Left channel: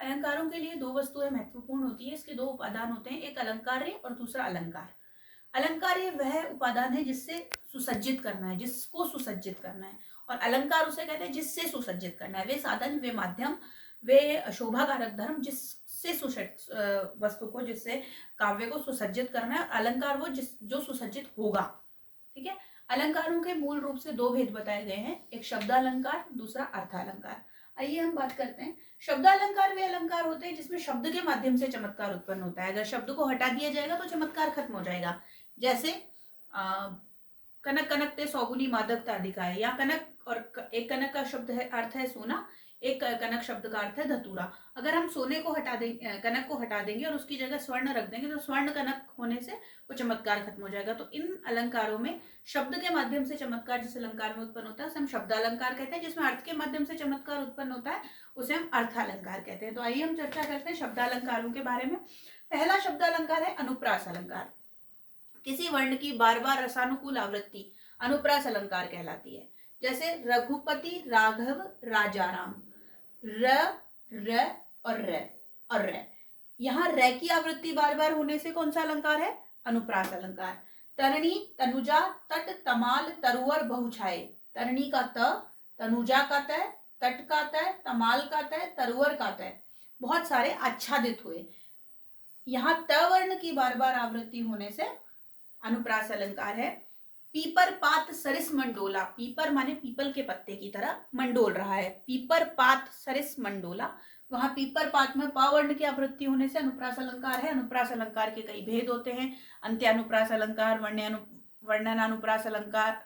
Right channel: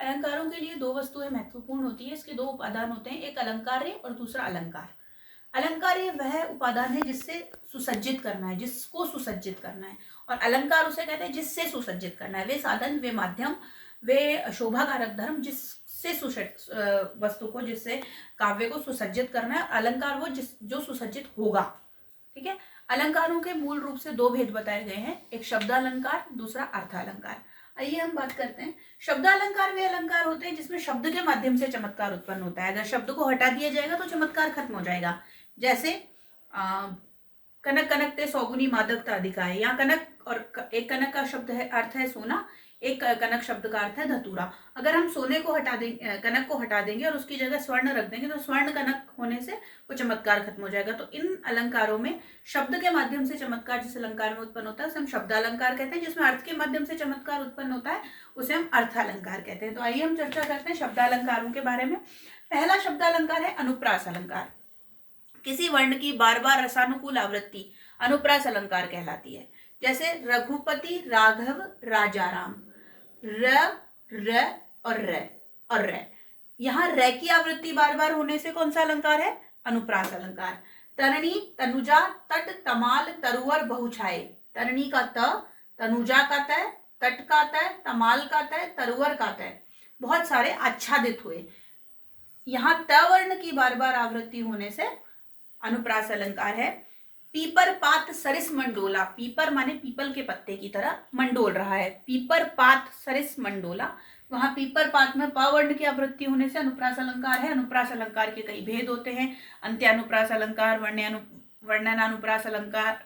अलंकारों के लिए दो वस्तुएं महत्वपूर्ण होती है। इसके दो उपादान होते हैं, एक अलंकार्य और दूसरा अलंकार। अलंकार्य वह उपादान है जिससे सुसज्जित करना है, जिसको सुसज्जित करना है, और अलंकार उसे कहते हैं जिससे सुसज्जित करना है। वे साधन, वे माध्यम, वे शोभा कारक धर्म जिससे वस्तु को, जिससे काव्य को सुसज्जित करना है। अलंकार वो जो सुसज्जित होगा। ठीक है। अलंकारों के मूल रूप से दो भेद बताए गए हैं, एक शब्दालंकार, दूसरा अर्थालंकार। आइए हम बात करते हैं। शब्दालंकार वे अलंकार होते हैं जिसमें शब्द के माध्यम से चमत्कार उत्पन्न होता है। अगर शब्द को हटा दिया जाएगा तो चमत्कार खत्म हो जाएगा। जैसे कनक कनक ते सौगुनी मादकता अधिकाय, या कनक, और एक कनक का शब्द है, अर्थ है सोना, एक कनक शब्द का अर्थ है धतूरा। अगर हम सोने को हटा देंगे, कनक को हटा देंगे और उसकी जगह स्वर्ण रख देंगे तो स्वर्ण कनक होने से वो चमत्कार खत्म हो जाएगा। तो इन अलंकारों में शब्द के माध्यम से चमत्कार जिस अलंकार में उत्पन्न होता है उसे हम शब्दालंकार कहते हैं। जिसमें अर्थ के माध्यम से चमत्कार उत्पन्न होता है उसे हम अर्थालंकार कहते हैं। तो आइए हम चर्चा करते हैं शब्दालंकारों के बारे में। पहला शब्दालंकार है अनुप्रास अलंकार। किसी वर्ण की बार बार रसानुकूल आवृत्ति अनुप्रास अलंकार कहलाती है। जैसे रघुपति, राघव, राजाराम। र, र और र और र, यहाँ र की आवृत्ति बार बार होने से कौन सा अलंकार है? अनुप्रास अलंकार। तरणी, तनुजा, तट, तमाल, तरुवर, बहुछाए। तरणी का त, तनुजा का त, तट का त, तमाल का त, तरुवर का त, बहुत सारे आच्छादित हुए। यहाँ त वर्ण की बार बार आवृत्ति होने से अनुप्रास अलंकार है। पीपर पात सरिस मंडोला, पीपर माने पीपल के पत्ते की तरह, मंडोल रहा है। पीपर पात सरिस मंडोला, वहां पीपर पात में प वर्ण की आवृत्ति होने से अनुप्रास अलंकार है। अनुप्रास अलंकार के कई भेद होते हैं, अंत्यानुप्रास अलंकार, वर्णनानुप्रास अलंकार,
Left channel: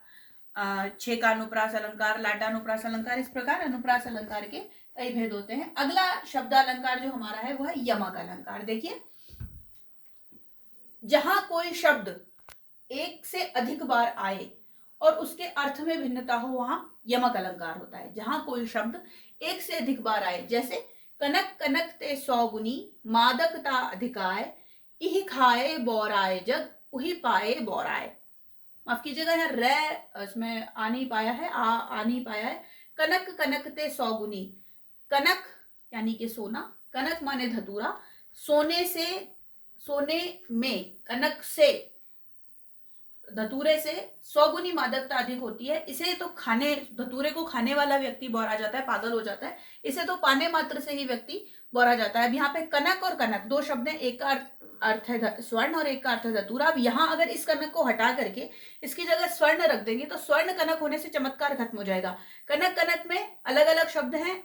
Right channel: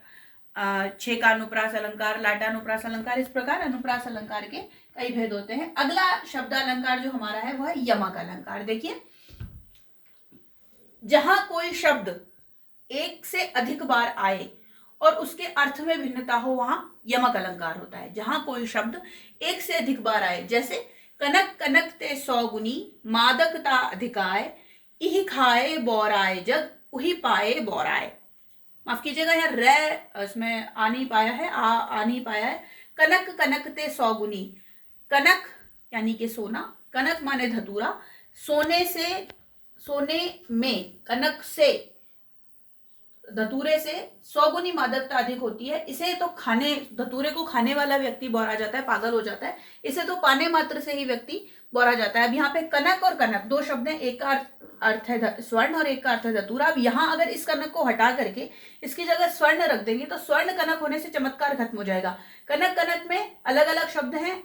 छेकानुप्रास अलंकार, लाटानुप्रास अलंकार। इस प्रकार अनुप्रास अलंकार के कई भेद होते हैं। अगला शब्दालंकार जो हमारा है वह है यमक अलंकार। देखिए, जहां कोई शब्द एक से अधिक बार आए और उसके अर्थ में भिन्नता हो वहां यमक अलंकार होता है। जहां कोई शब्द एक से अधिक बार आए, जैसे कनक कनक ते सौगुनी मादकता अधिकाय, इह खाए बोराए जग, उही पाए बोराए। माफ कीजिएगा, यहाँ रे इसमें आ नहीं पाया है, आ नहीं पाया है। कनक कनक ते सौगुनी, कनक यानी कि सोना, कनक माने धतूरा, सोने से, सोने में, कनक से, धतूरे से सौगुनी मादकता अधिक होती है। इसे तो खाने, धतूरे को खाने वाला व्यक्ति बौरा जाता है, पागल हो जाता है। इसे तो पाने मात्र से ही व्यक्ति बौरा जाता है। अब यहाँ पे कनक और कनक दो शब्द हैं, एक का अर्थ है स्वर्ण और एक का अर्थ है धतूरा। अब यहाँ अगर इस कनक को हटा करके इसकी जगह स्वर्ण रख देंगे तो स्वर्ण कनक होने से चमत्कार खत्म हो जाएगा। कनक कनक में अलग अलग शब्द हैं,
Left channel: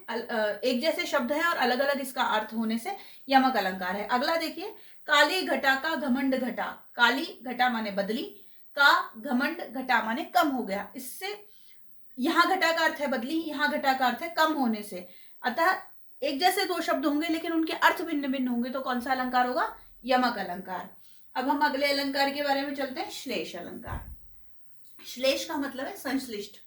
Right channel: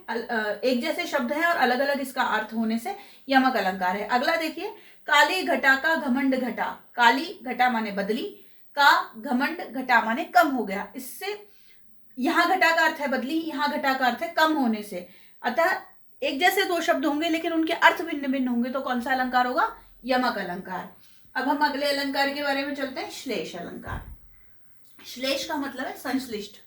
एक जैसे शब्द हैं और अलग अलग इसका अर्थ होने से यमक अलंकार है। अगला देखिए, काली घटा का घमंड घटा, काली घटा माने बदली, का घमंड घटा माने कम हो गया। इससे यहां घटा का अर्थ है बदली, यहां घटा का अर्थ है कम होने से। अतः एक जैसे दो शब्द होंगे लेकिन उनके अर्थ भिन्न भिन्न होंगे तो कौन सा अलंकार होगा? यमक अलंकार। अब हम अगले अलंकार के बारे में चलते हैं, श्लेष अलंकार। श्लेष का मतलब है संश्लिष्ट।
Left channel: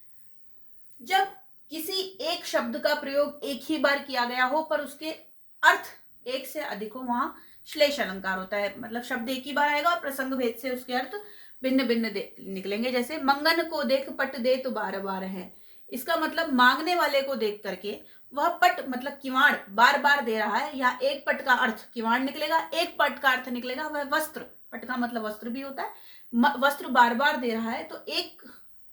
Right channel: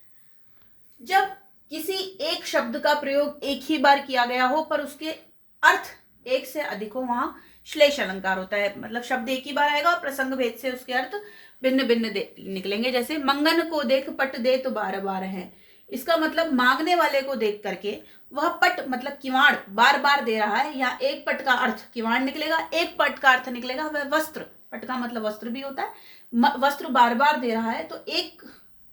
जब किसी एक शब्द का प्रयोग एक ही बार किया गया हो पर उसके अर्थ एक से अधिक हो, वहां श्लेष अलंकार होता है। मतलब शब्द एक ही बार आएगा और प्रसंग भेद से उसके अर्थ भिन्न भिन्न निकलेंगे। जैसे मंगन को देख पट दे तो बार बार है, इसका मतलब मांगने वाले को देख करके वह पट मतलब किवाड़ बार बार दे रहा है। या एक पट का अर्थ किवाड़ निकलेगा, एक पट का अर्थ निकलेगा वह वस्त्र, पट का मतलब वस्त्र भी होता है। वस्त्र बार बार दे रहा है तो एक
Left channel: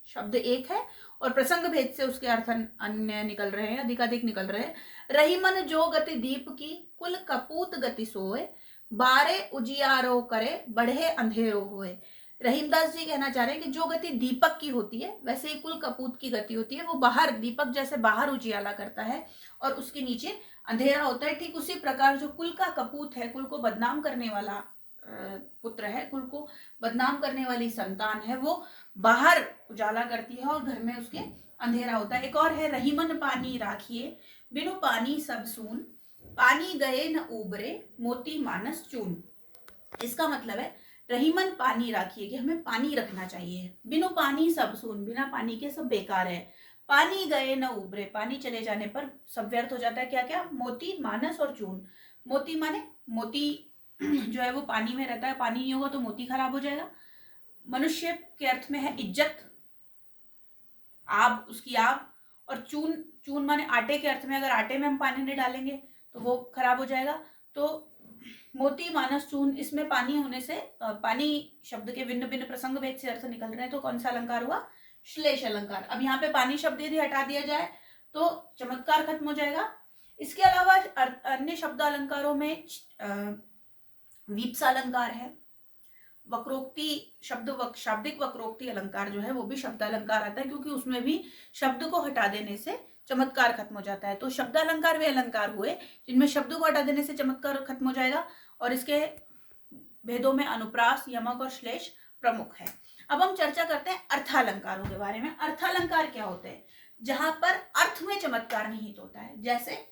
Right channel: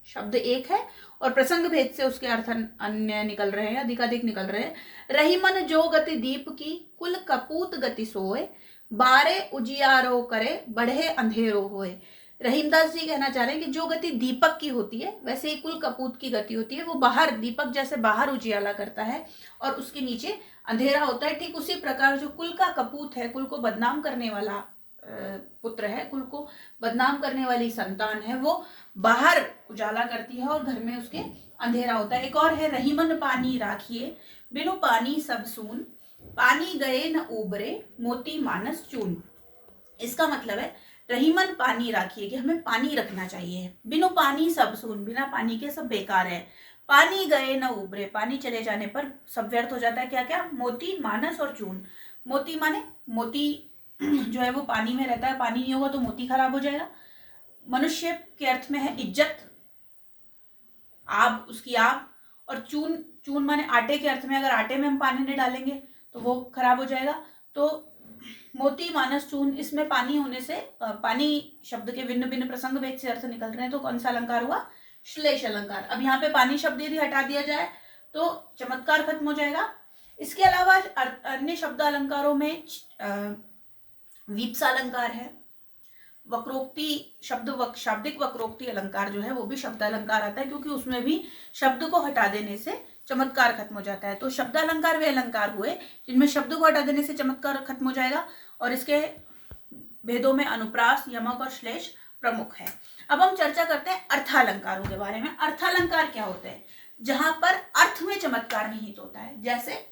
शब्द एक है और प्रसंग भेद से उसके अर्थ अन्य निकल रहे हैं, अधिकाधिक निकल रहे हैं। रहीमन जो गति दीप की, कुल कपूत गति सोए, बारे उजियारो करे, बढ़े अंधेरो होए। रहीमदास जी कहना चाह रहे हैं कि जो गति दीपक की होती है वैसे ही कुल कपूत की गति होती है। वो बाहर, दीपक जैसे बाहर उजियाला करता है और उसके नीचे अंधेरा होता है। ठीक उसी प्रकार जो कुल का कपूत है, कुल को बदनाम करने वाला पुत्र है, कुल को बदनाम करने वाली संतान है, वो बाहर उजाला करती है और घर में उसके अंधेरा होता है। एक और है, रहीमन पानी राखिए, बिनु पानी सब सून, पानी गए न उबरे, मोती मानस चून। इसका मतलब है रहीमन पानी राखिए कि हमें पानी रखना चाहिए, बिनु पानी सब सून, बिना पानी के सब बेकार है, पानी गए न उबरे, पानी चले जाने पर सब व्यर्थ हो जाता है। क्या क्या? मोती, मानस और चून। मोती माने मोती जो है वो पानी में रहता है, पानी नहीं होगा तो मोती खराब हो जाएगा। मनुष्य के अर्थ में है इज्जत, आब, उसकी आब। और चून, चून माने आटे के अर्थ में, अगर आटे में हम पानी नहीं डालेंगे तो वो खराब हो जाएगा। तो मोती मानस चून, इसमें पानी होने से पानी शब्द के भिन्न भिन्न प्रसंग भेद से अर्थ निकल रहे हैं, तो कौन सा अलंकार हुआ? श्लेष अलंकार। अब यहाँ पे पानी शब्द यदि हटा दिया जाए तो चमत्कार खत्म हो जाएगा। इसके अलावा अन्य शब्द अलंकारों में वीप्सा अलंकार है, वक्रोक्ति शाब्दिक वक्रोक्ति अलंकार जो है वो भी शब्द अलंकार आता है, क्योंकि उसमें भी शब्द को हटा देने से चमत्कार खत्म हो जाता है। तो शब्द अलंकार वे अलंकार हुए जिनमें शब्द को हटा देने से चमत्कार खत्म हो जाएगा, और इसके भेदों में अनुप्रास, यमक और श्लेष प्रमुख है। अब हम चर्चा करते हैं अर्थालंकारों के बारे में। अर्थालंकार क्या होते हैं? जहां पर अर्थ में चमत्कार निहित होता है, जैसे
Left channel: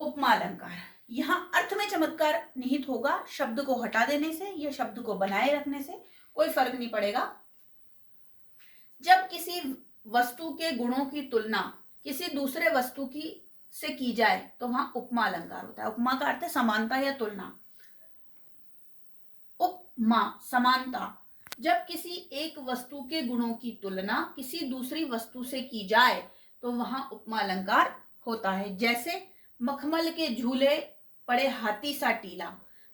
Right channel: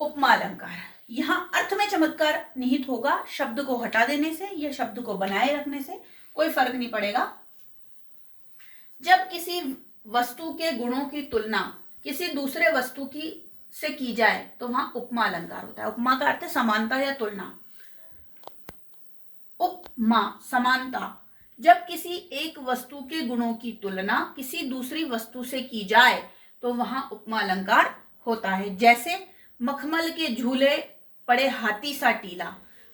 उपमा अलंकार। यहां अर्थ में चमत्कार निहित होगा, शब्द को हटा देने से या शब्द को बनाए रखने से कोई फर्क नहीं पड़ेगा। जब किसी वस्तु के गुणों की तुलना किसी दूसरे वस्तु की से की जाए तो वहां उपमा अलंकार होता है। उपमा का अर्थ है समानता या तुलना। उपमा समानता, जब किसी एक वस्तु के गुणों की तुलना किसी दूसरी वस्तु से की जाए तो वहां उपमा अलंकार होता है। जैसे मखमल के झूले पड़े हाथी सा टीला।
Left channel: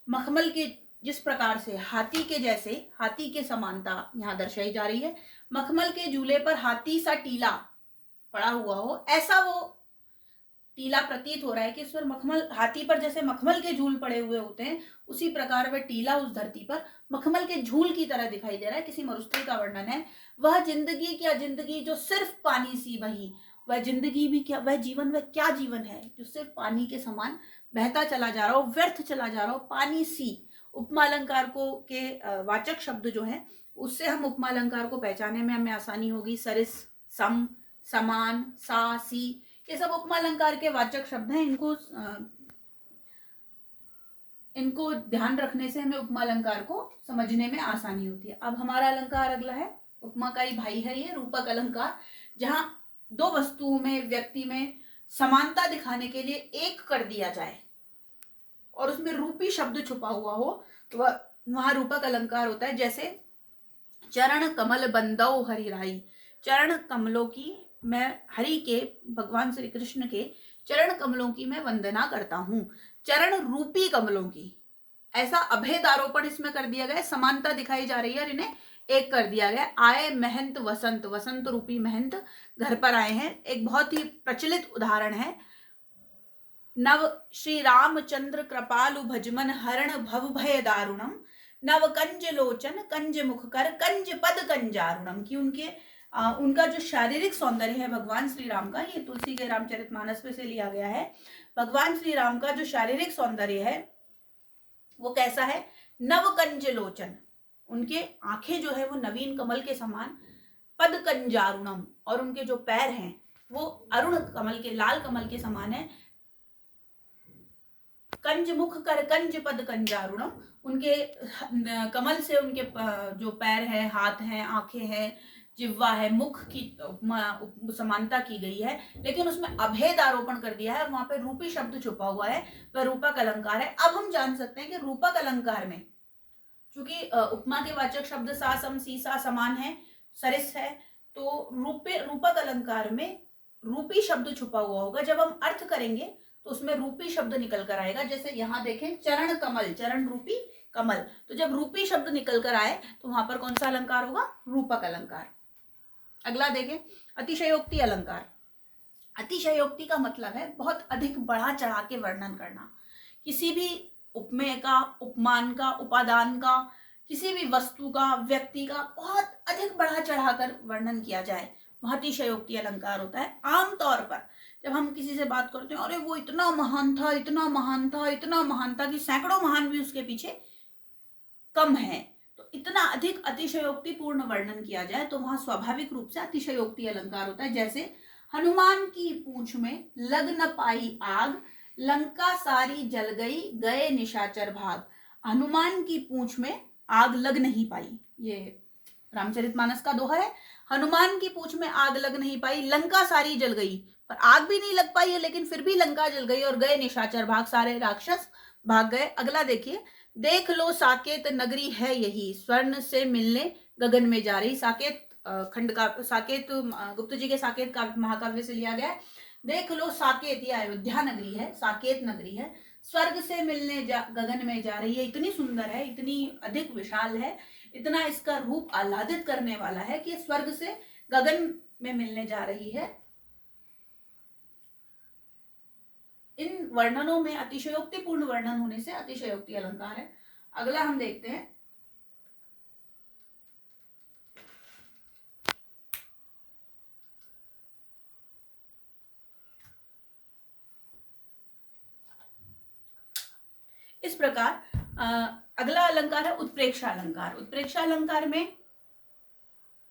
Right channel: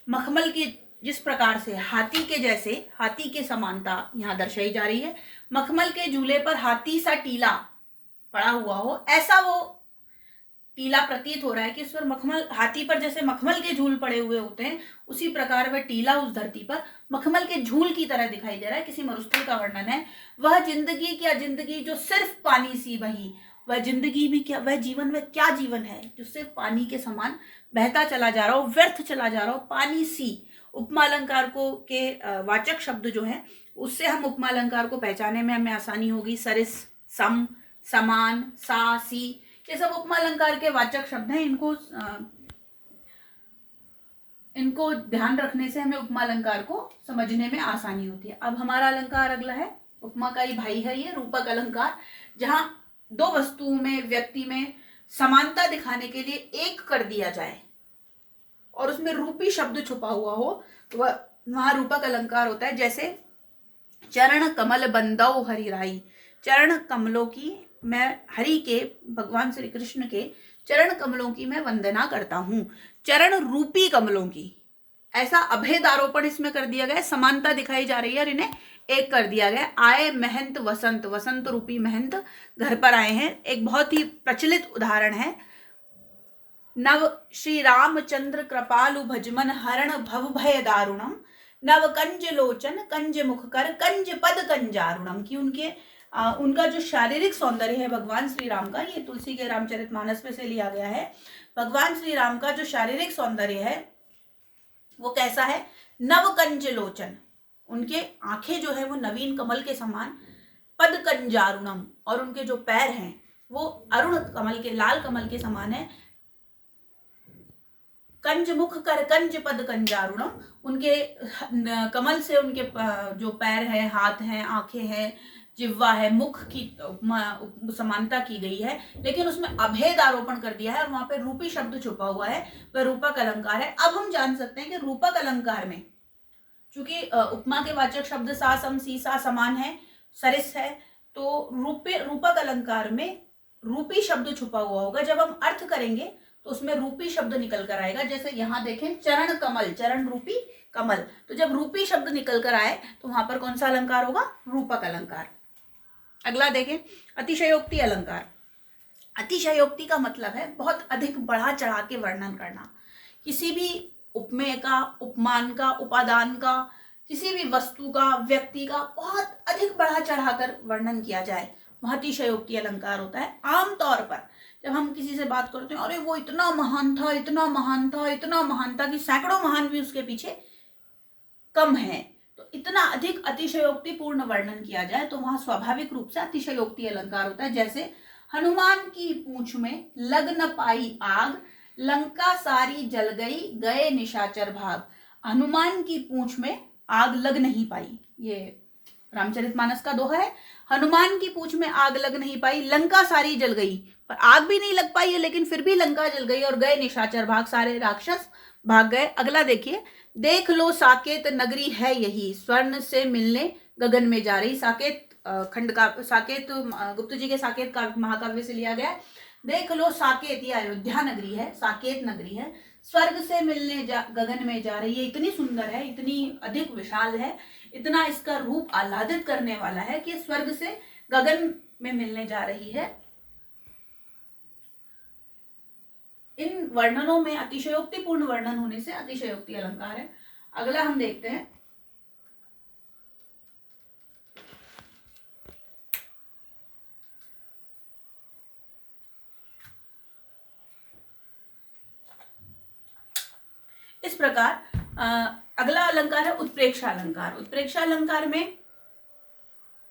मखमल के जिस प्रकार से हाथी के जैसे, हाथी के समानता यहां दर्शाई जा रही है। मखमल के झूले पर हाथी सा टीला पड़ा हुआ हो, ऐसा वो टीला प्रतीत हो रहा है कि इस पर मखमल, हाथी पर जैसे मखमल के झूल पड़े हुए होते हैं, उसी प्रकार वह टीला उस धरती पर मखमल के झूल की तरह दिखाई दे रहा है। किसी मरुस्थल का वर्णन है। वह जिंदगी क्या जिंदगी जो सिर्फ पानी सी बही। वह जिंदगी भी क्या, वह जीवन, वह क्या जीवन है जो सिर्फ पानी के समान बहता चला जा रहा हो, व्यर्थ चला जा रहा हो, पानी सी। उपमा अलंकार को के वाचक शब्द जो है, उससे हम उपमा अलंकार को पहचानने में हमें आसानी होगी। सरिस, सम, समान, सा, सी, ये सब उपमा अलंकार के वाचक शब्द हैं। इनको ध्यान रखने से हमें उपमा अलंकार को समझने में आसानी होती है। अब हमारा अलंकार अगला है, उपमा का ही भाई है ये, रूपक अलंकार। जहां दो वस्तुओं में, व्यक्ति में समानता दिखाने के लिए एक कर दिया जाए और उसमें रूपी शब्द छुपा हुआ हो, तो वहां रूपक अलंकार होता है। जैसे चरण कमल बंदौ हरिराई। चरण कमलों की मैं, हरि के, भगवान श्री कृष्ण के चरण कमलों की मैं वंदना करता हूं। चरण रूपी कमलों की, ऐसा अभेद आरोपण इसमें कर दिया गया, समानता दिखाई जा रही है और इन्हें एक कर दिया गया। आए महंत वसंत, वसंत रूपी महंत घर पर आए हैं। एक बहुत ही प्रचलित उदाहरण है। नव श्री रामचंद्र कृपालु भजमन हरण भव भय दारुणम। नव कंज लोचन कंज मुख कर कंज पद कंजारुणम। की उनका जो शारीरिक सौंदर्य है भगवान श्री राम का, ये तुलसी के रामचरितमानस में से लिया गया है। भगवान श्री राम का जो शारीरिक सौंदर्य है वो कैसा है? नव कंज लोचन, उनके आंखें जो है वो नवीन कमल के समान। पद कंजारुणम, और उनके जो पैर हैं वो अरुण कमल के, लाल कमल के समान है। कंज मुख कर कंज पद कंजारुणम, उनके कमल से उनके जो पैर है, हाथ हैं, आंखें हैं, जिह्वा है, मुख की समानता की गई है, लेकिन उसमें अभेद आरोपण कर दिया है और वहां पे रूपी शब्द छुपा हुआ है, वह रूपक अलंकार है। अब हम जान सकते हैं कि रूपक अलंकार में, चूंकि उपमा के वाचक शब्द सा, सम, सी, सा समान है, सरिस है, तो रूपक अलंकार में रूपी शब्द छुपा हुआ होगा। जब हम अर्थ करेंगे तो उसमें रूपी शब्द निकल कर आएगा। जैसे यहाँ देखें, चरण कमल, चरण रूपी कमल, तो जब रूपी शब्द निकल कर आए तो वहां पर कौन सा अलंकार होगा? रूपक अलंकार। अगला देखें, अतिशयोक्ति अलंकार। अतिशयोक्ति का मतलब है बहुत अधिक बढ़ा चढ़ा के वर्णन करना। किसी भी उपमेय का, उपमान का, उपादान का, किसी भी वस्तु का, व्यक्ति का बहुत अधिक बढ़ा चढ़ाकर वर्णन किया जाए, वह अतिशयोक्ति अलंकार होता है। आमतौर पर जब हम किसी से बात करते हैं, अरे वो इतना महान था, इतना महान था, इतना महान था, कि सैकड़ों महान भी उसके पीछे कम है, तो इतना अधिक अतिशयोक्तिपूर्ण वर्णन किया जाए तो वहां स्वाभाविक रूप से अतिशयोक्ति अलंकार होता है। जैसे हनुमान की पूंछ में लग न पाई आग, लंका सारी जल गई, गए निशाचर भाग। हनुमान की पूंछ में आग लग नहीं पाई, ये रामचरितमानस का दोहा है। हनुमान की पूंछ में आग लग नहीं पाई, लंका सारी जल गई, पर आग भी नहीं लग पाई है, लेकिन फिर भी लंका जल गई, और गए निशाचर भाग, सारे राक्षस भाग गए। अगला देखिए, देख लो साकेत नगरी है यही, स्वर्ण से मिलने गगन में जा रही। साकेत खंड का, साकेत गुप्त जी के साकेत का महाकाव्य से लिया गया है। देख लो साकेत, ये अयोध्या नगरी है, साकेत नगरी है, स्वर्ग से मिलने गगन में जा रही है। इतनी सुंदर है, इतनी अधिक विशाल है, इतना इसका रूप आह्लादित करने वाला है कि स्वर्ग से गगन में मिलने जा रही है। इन वर्णनों में अतिशयोक्तिपूर्ण वर्णन होने से अतिशयोक्ति अलंकार है। अगला हम देखते हैं, इस प्रकार अगला अलंकार है उत्प्रेक्षा अलंकार। उत्प्रेक्षा अलंकार में